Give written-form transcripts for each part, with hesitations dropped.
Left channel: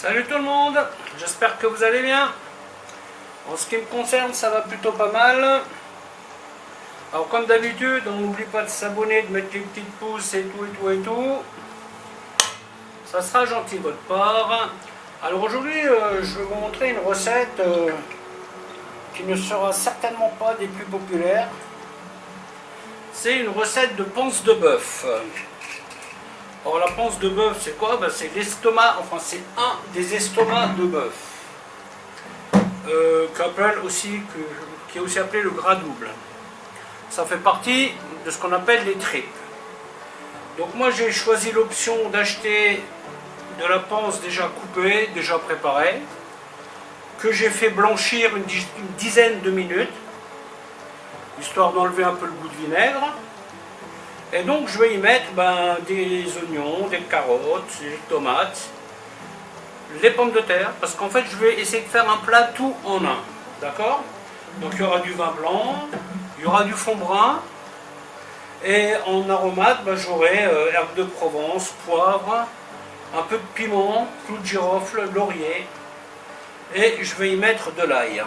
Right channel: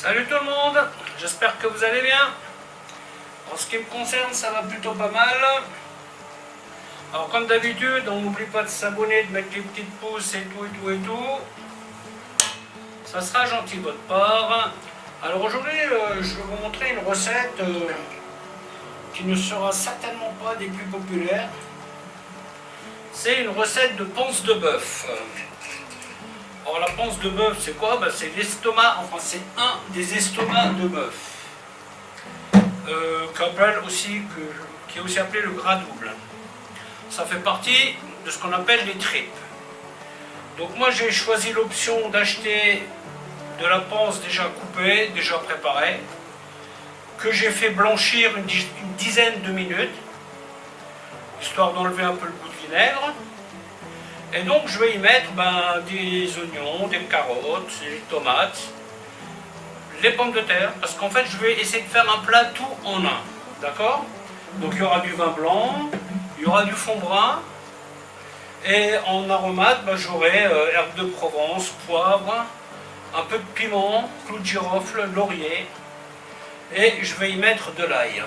Salut tout le monde, j'espère que vous allez bien. En ce qui me concerne, ça va plutôt pas mal. Alors comme d'habitude, on n'oublie pas de s'abonner, de mettre des petites pouces et tout. Ça sera gentil de votre part. Alors aujourd'hui, je vais vous montrer une recette qui ne sera certainement pas des plus populaires. C'est une recette de panse de bœuf. Alors la panse de bœuf, c'est quoi? C'est l'estomac, enfin c'est un des estomacs de bœuf. Qui est aussi appelé le gras double. Ça fait partie de ce qu'on appelle les tripes. Donc moi j'ai choisi l'option d'acheter de la panse déjà coupée, déjà préparée, que j'ai fait blanchir une dizaine de minutes, histoire d'enlever un peu le goût de vinaigre. Et donc je vais y mettre des oignons, des carottes, des tomates, les pommes de terre, parce qu'en fait je vais essayer de faire un plat tout en un, d'accord? Donc il y aura du vin blanc, il y aura du fond brun, et en aromate j'aurai herbes de Provence, poivre, un peu de piment, clou de girofle, laurier, et je vais y mettre de l'ail.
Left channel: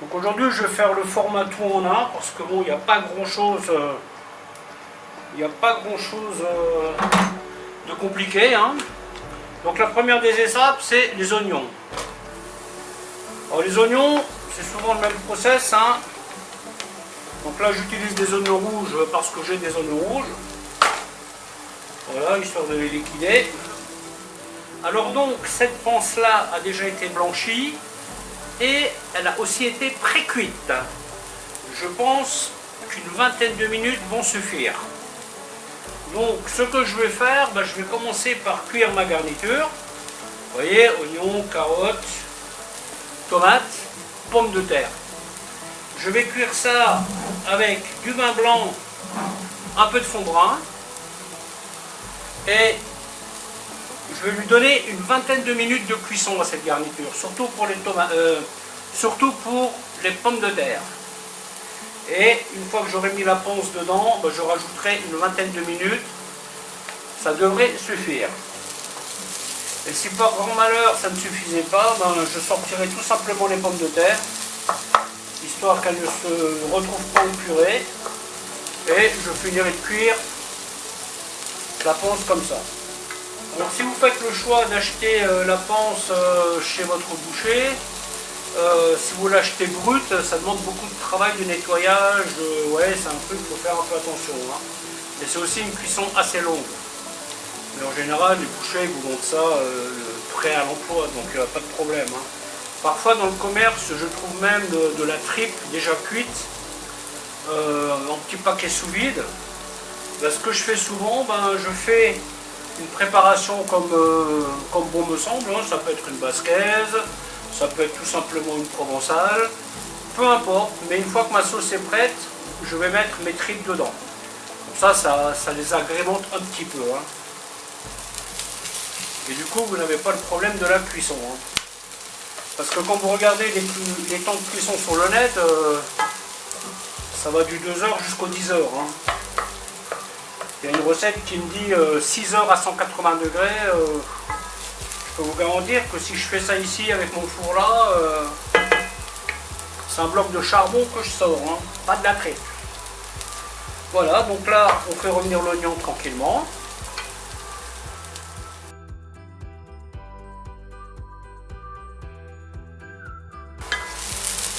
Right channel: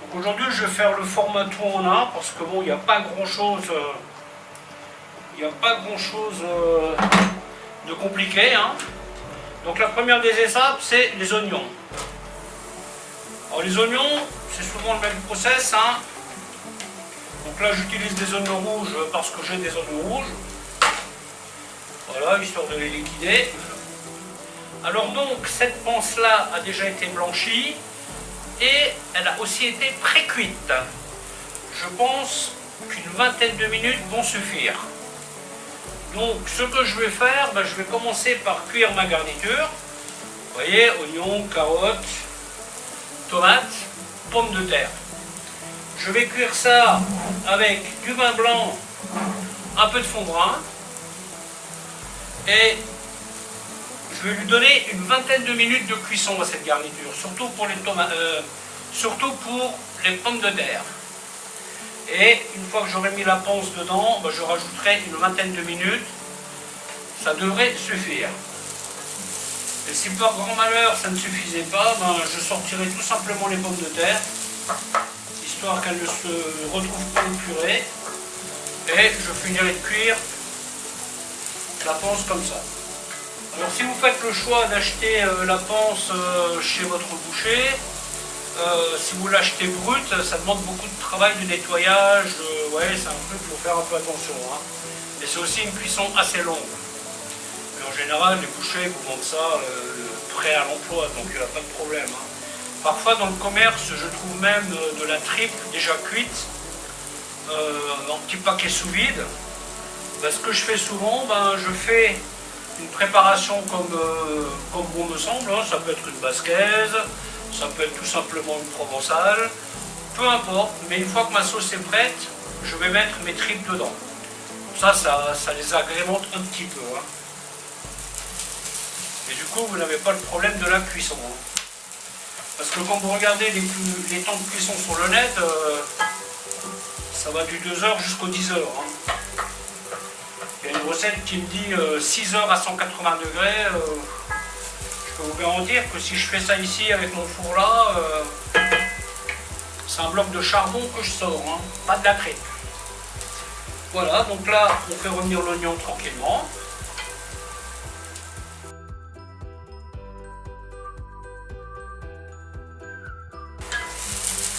Donc aujourd'hui je vais faire le format tout en un, parce que bon, il n'y a pas grand chose... de compliqué, hein. Donc la première des étapes, c'est les oignons. Alors les oignons, c'est souvent le même process, hein. Donc là j'utilise des oignons rouges parce que j'ai des oignons rouges. Voilà, histoire de les liquider. Alors donc cette panse là a déjà été blanchie et elle a aussi été pré-cuite. Je pense qu'une vingtaine de minutes vont suffire. Donc ce que je vais faire, je vais commencer par cuire ma garniture. Vous voyez, oignons, carottes, tomates, pommes de terre. Je vais cuire ça avec du vin blanc, un peu de fond brun. Et je vais lui donner une vingtaine de minutes de cuisson à cette garniture, surtout pour les tomates, surtout pour les pommes de terre. Et une fois que j'aurai mis la panse dedans, je rajouterai une vingtaine de minutes. Ça devrait suffire. Et si par grand malheur ça ne suffisait pas, je sortirai tout simplement les pommes de terre, histoire qu'elles ne se retrouvent pas en purée. Et je finirai de cuire la panse comme ça. Alors si vous faites le choix d'acheter la panse chez votre boucher, si vous l'achetez brute, ça demande beaucoup de travail de nettoyage, ouais, c'est un truc, il faut faire un peu attention, hein. Mais c'est aussi une cuisson assez longue. Mais en général, les bouchers vous vendent ça prêt à l'emploi, donc il n'y a pas de problème, hein. Parfois dans le commerce, je trouve même de la tripe déjà cuite, en petit paquet sous vide. Ce que je fais souvent, je fais une préparation comme bon me semble, hein. Ça peut être une basquaise, ça peut être tout simplement une provençale, peu importe, mais une fois que ma sauce est prête, je vais mettre mes tripes dedans. Ça les agrémente un petit peu, hein. Et du coup, vous n'avez pas le problème de la cuisson, hein. Parce que quand vous regardez les temps de cuisson sur le net, ça va du 2h jusqu'aux 10h, hein. Il y a une recette qui me dit 6 heures à 180 degrés. Je peux vous garantir que si je fais ça ici avec mon four là, c'est un bloc de charbon que je sors, hein, pas de la tripe. Voilà, donc là on fait revenir l'oignon tranquillement.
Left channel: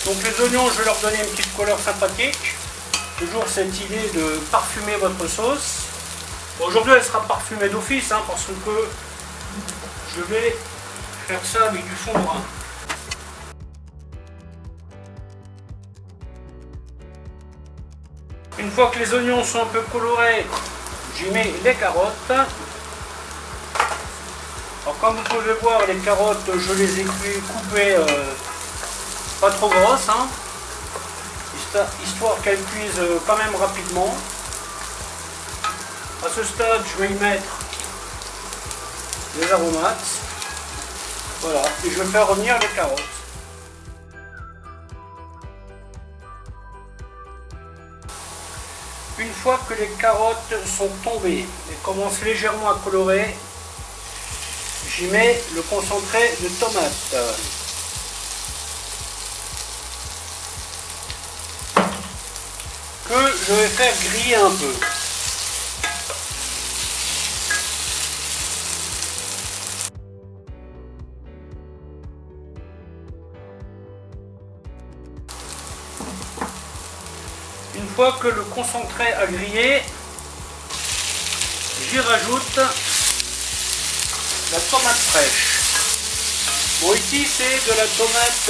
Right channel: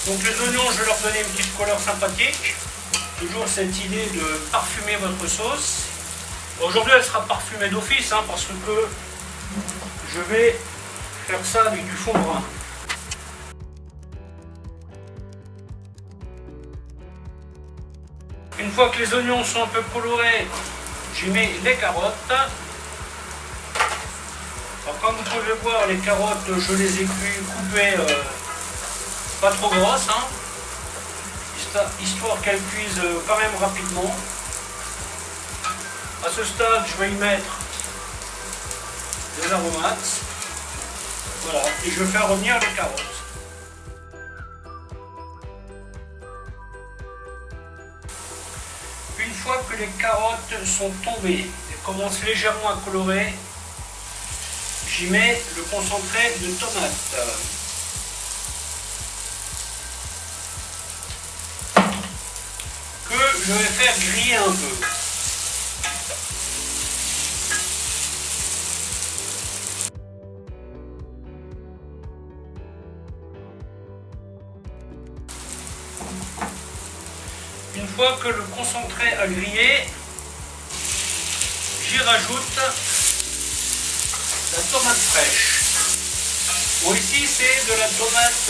Donc les oignons, je vais leur donner une petite couleur sympathique. Toujours cette idée de parfumer votre sauce. Aujourd'hui elle sera parfumée d'office, hein, parce que je vais faire ça avec du fond brun. Une fois que les oignons sont un peu colorés, j'y mets les carottes. Alors comme vous pouvez voir, les carottes, je les ai coupées pas trop grosses, hein, histoire qu'elles cuisent quand même rapidement. À ce stade, je vais y mettre les aromates. Voilà, et je vais faire revenir les carottes. Une fois que les carottes sont tombées et commencent légèrement à colorer, j'y mets le concentré de tomate. Que je vais faire griller un peu. Une fois que le concentré a grillé, j'y rajoute la tomate fraîche. Bon, ici c'est de la tomate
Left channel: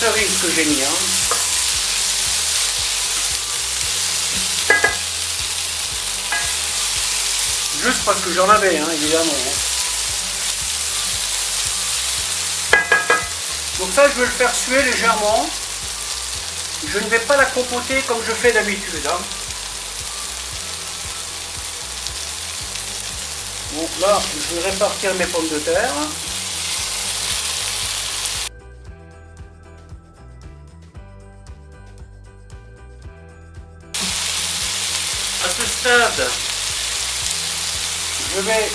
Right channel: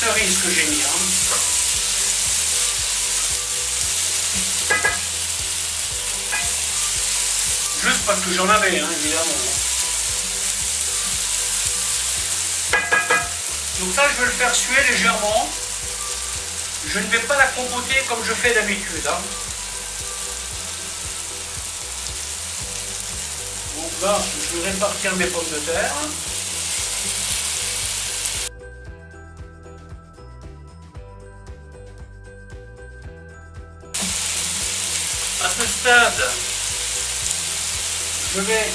cerise que j'ai mis. Juste parce que j'en avais, évidemment. Donc ça, je vais le faire suer légèrement. Je ne vais pas la compoter comme je fais d'habitude. Donc là, je vais répartir mes pommes de terre. À ce stade, je vais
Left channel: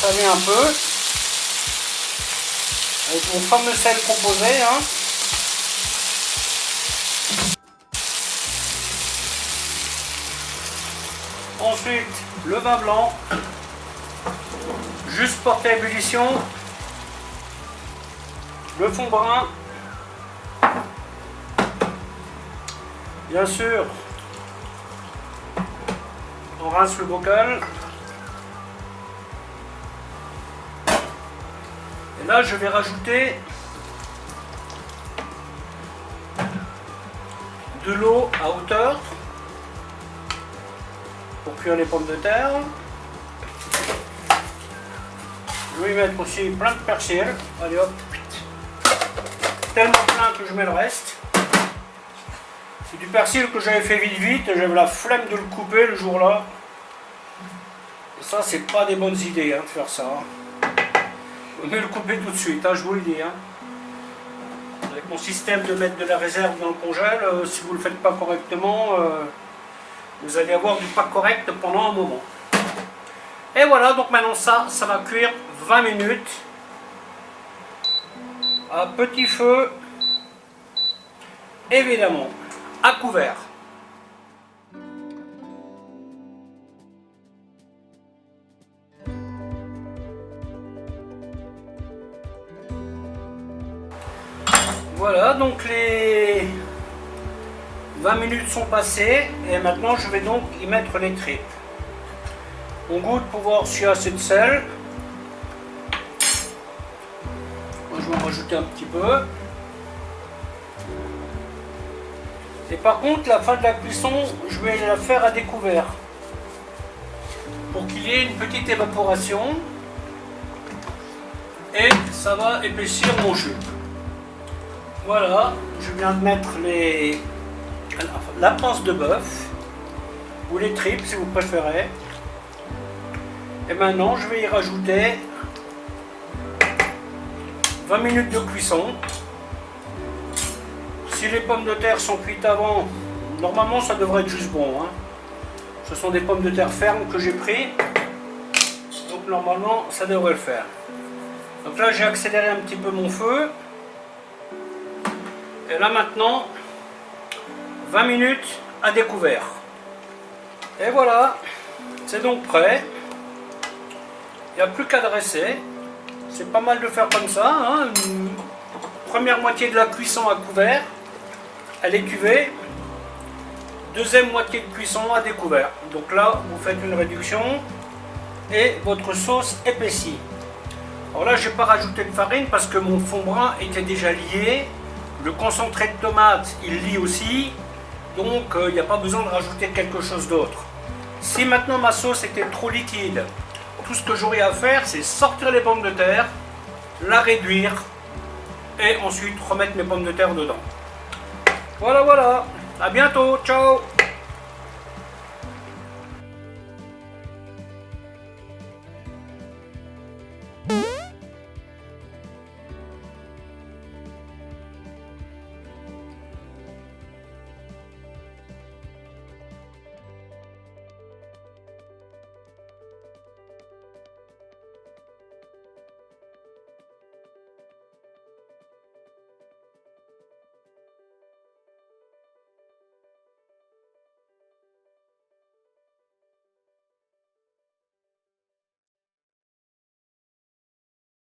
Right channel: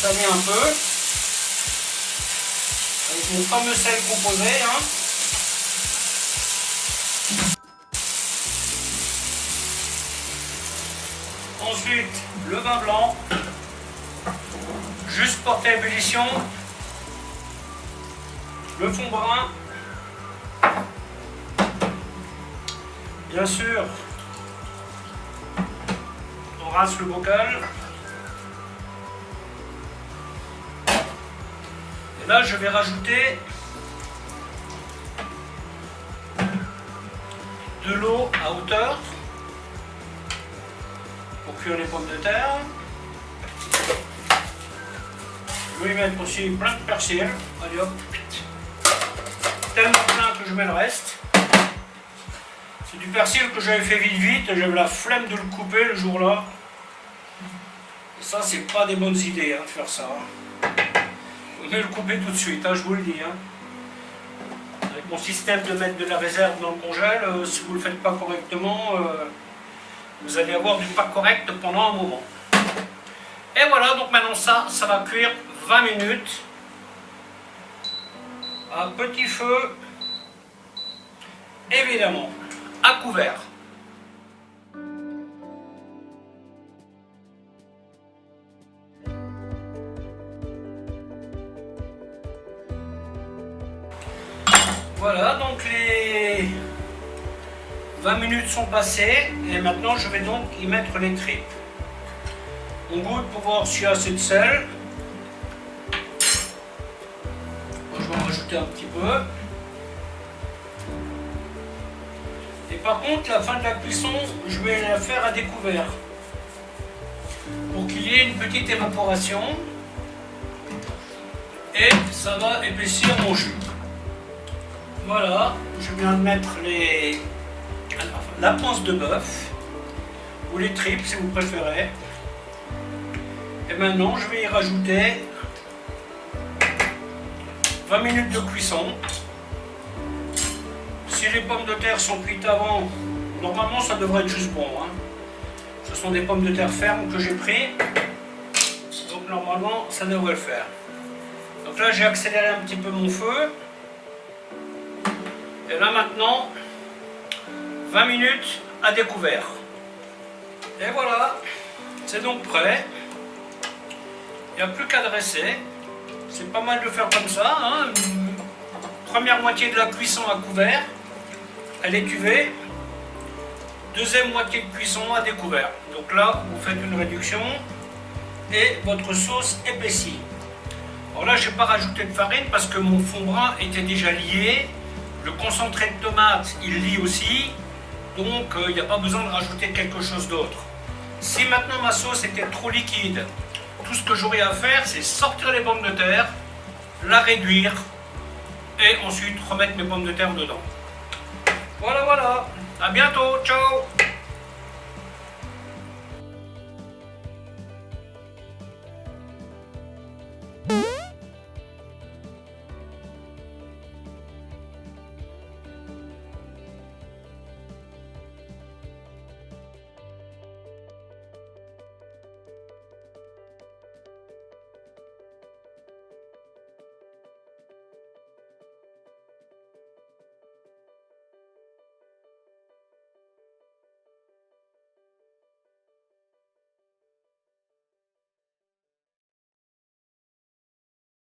saler un peu avec mon fameux sel composé. Ensuite, le vin blanc, juste porté à ébullition, le fond brun, bien sûr, on rince le bocal. Et là, je vais rajouter de l'eau à hauteur pour cuire les pommes de terre. Je vais y mettre aussi plein de persil. Allez hop, tellement plein que je mets le reste. C'est du persil que j'avais fait vite, j'avais la flemme de le couper le jour-là. Ça, c'est pas des bonnes idées de faire ça. Vous devez le couper tout de suite, je vous le dis. Avec mon système de mettre de la réserve dans le congèle, si vous ne le faites pas correctement, vous allez avoir du pas correct pendant un moment. Et voilà, donc maintenant ça va cuire 20 minutes à petit feu, évidemment, à couvert. Voilà, donc les 20 minutes sont passées et maintenant je vais donc y mettre les tripes. On goûte pour voir s'il y a assez de sel. Moi je vais en rajouter un petit peu. Et par contre, la fin de la cuisson, je vais la faire à découvert pour qu'il y ait une petite évaporation et ça va épaissir mon jus. Voilà, je viens de mettre la panse de bœuf ou les tripes si vous préférez. Et maintenant, je vais y rajouter 20 minutes de cuisson. Si les pommes de terre sont cuites avant, normalement ça devrait être juste bon. Ce sont des pommes de terre fermes que j'ai pris. Donc normalement, ça devrait le faire. Donc là, j'ai accéléré un petit peu mon feu. Et là maintenant, 20 minutes à découvert. Et voilà, c'est donc prêt. Il n'y a plus qu'à dresser. C'est pas mal de faire comme ça. Une première moitié de la cuisson à couvert, à l'étuvée. Deuxième moitié de cuisson à découvert. Donc là, vous faites une réduction et votre sauce épaissit. Alors là, je n'ai pas rajouté de farine parce que mon fond brun était déjà lié. Le concentré de tomate, il lie aussi, donc il n'y a pas besoin de rajouter quelque chose d'autre. Si maintenant ma sauce était trop liquide, tout ce que j'aurais à faire, c'est sortir les pommes de terre, la réduire, et ensuite remettre mes pommes de terre dedans. Voilà, à bientôt, ciao!